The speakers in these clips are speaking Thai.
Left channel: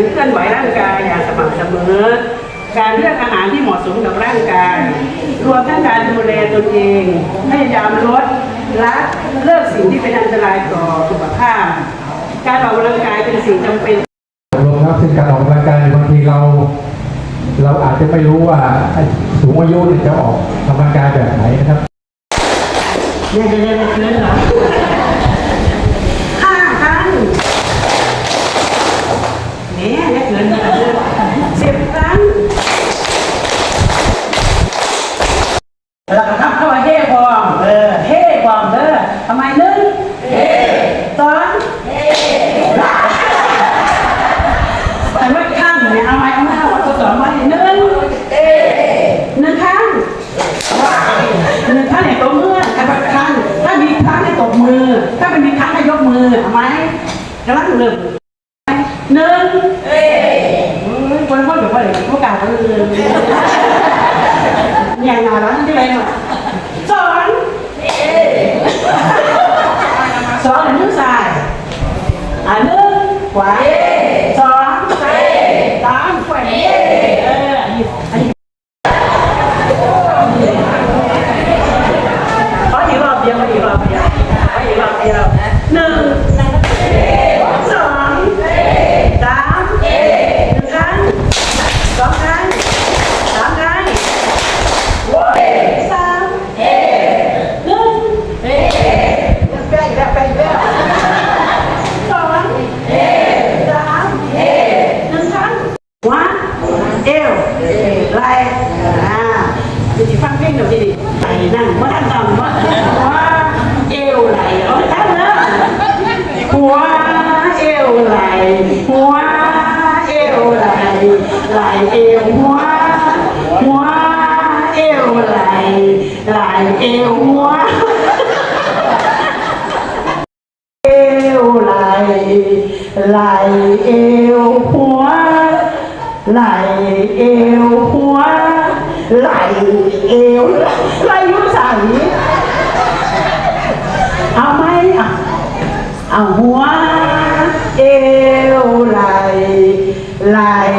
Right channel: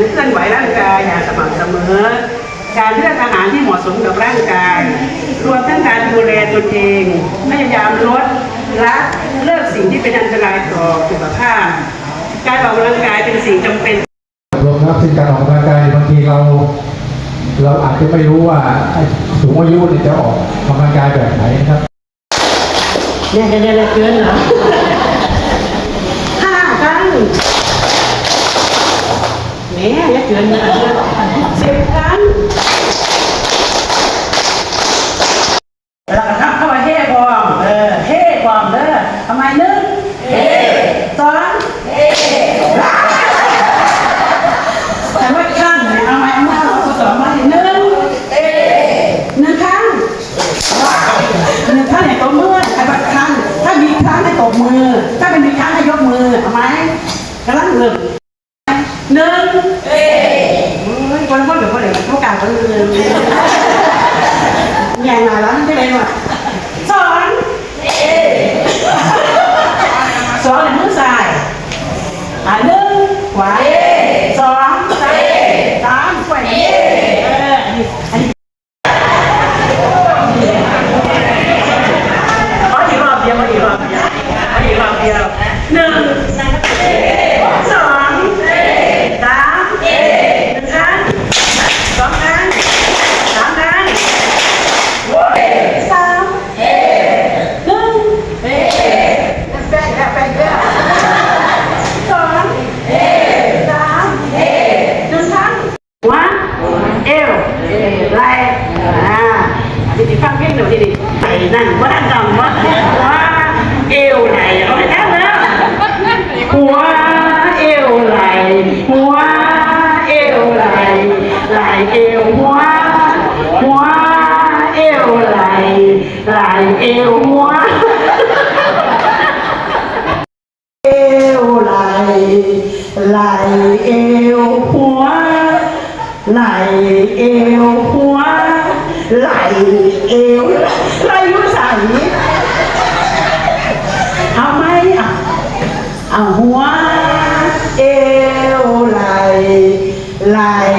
รือเคลื่อนไหวร่างกายอย่างสม่ำเสมอ การเลือกอาหารที่เหมาะสมกับร่างกาย รวมทั้งการดูแลตนเอง พยายามลดละเลิกสิ่งที่เป็นอันตรายต่อสุขภาพ การออกกำลังกายเป็นสิ่งจำเป็นรวมแล้ซึ่งการออกกำลังกายบางทีเรา เราอาจจะไม่รู้ว่าสูงอายุจะออกกำลังกายแบบไหนครับเรียนเรียนเรียนเหรอห้าครั้ง เนี่ยอย่าเกินนะสิบครั้งแล้วก็ทำเข้ามาเฮ่บอมเออเฮ่บอมเด้อทำไมหนึ่งเฮ่สองเฮ่แต่ว่าข้างเนี่ยเอาไว้เอาไว้เอาสองไว้หนึ่งหนึ่งครั้งหนึ่งท่านให้ตบมือใครบอกท่านถ้ามีครั้งให้ตบมือ ถ้าไม่มีครั้งให้ยกมือเอาไหมกำลังหนึ่ง ไ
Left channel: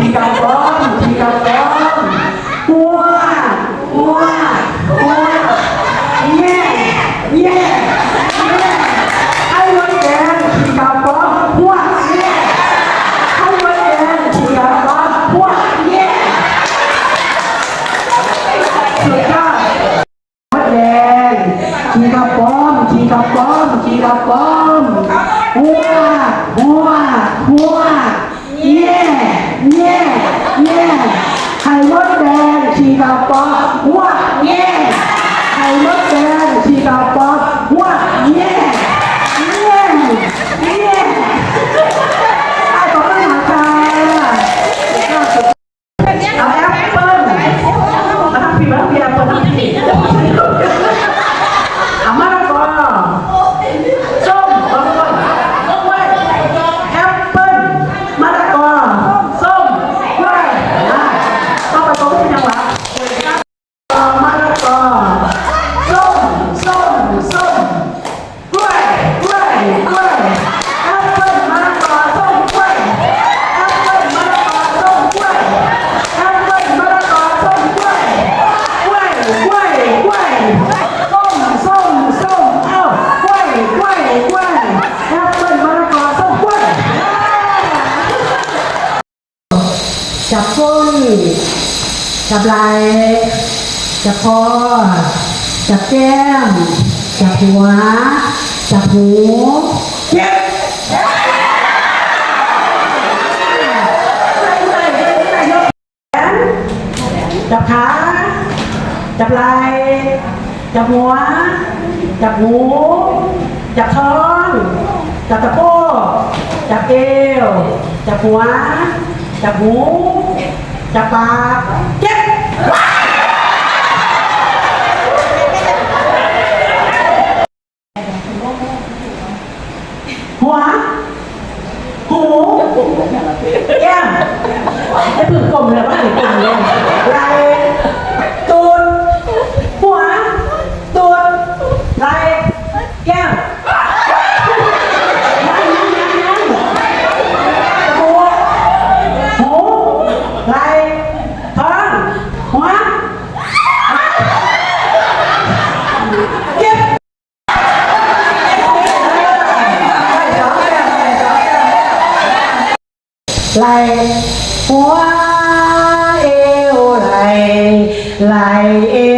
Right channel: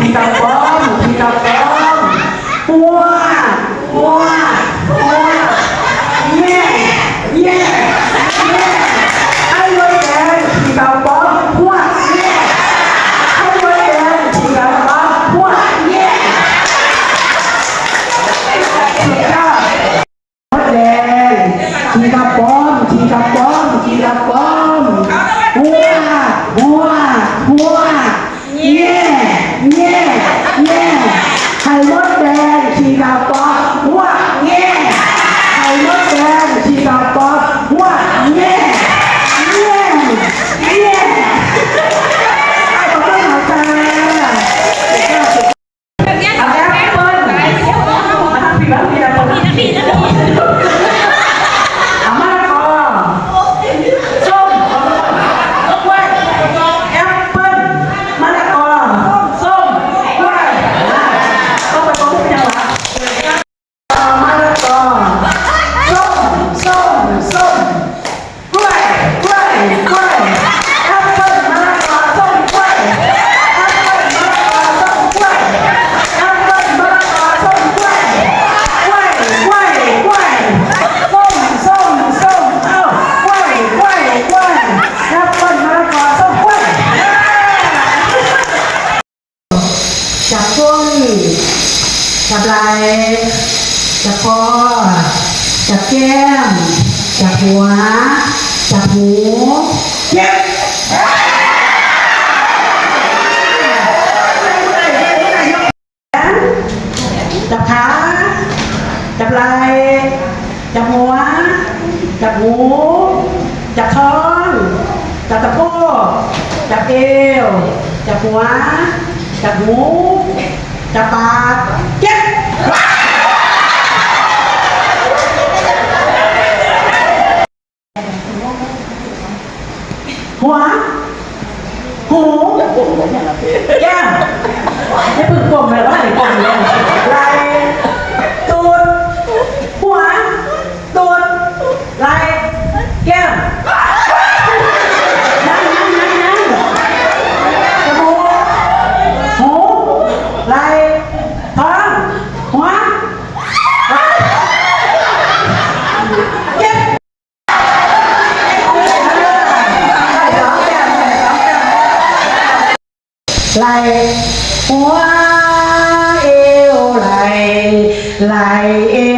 พี่กัปตันพี่กัปตันว้า จับไหล่จับคอจับแก้มจับหัวจับหูเจ็บจับขาจับไหล่จับหัวจับหูจับท้องจับตะโพกจับเอวจับหัวจับหูจับปาก หัวเอวไหลไหลเอว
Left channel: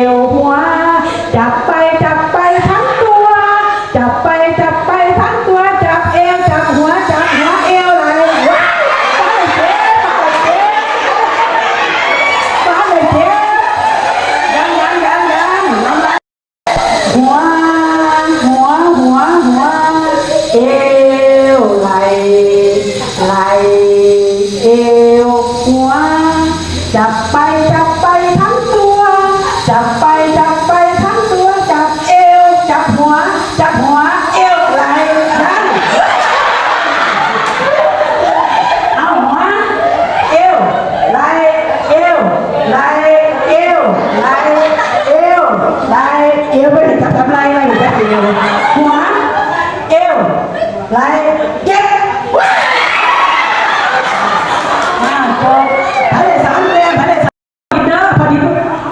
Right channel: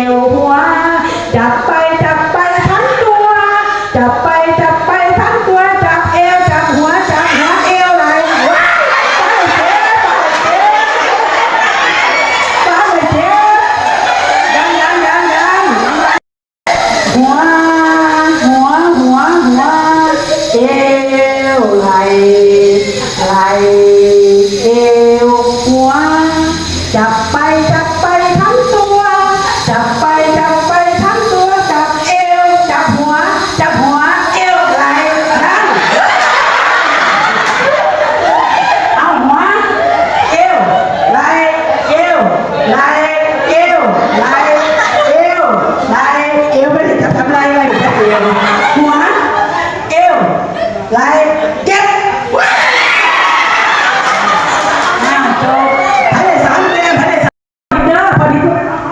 Thank you.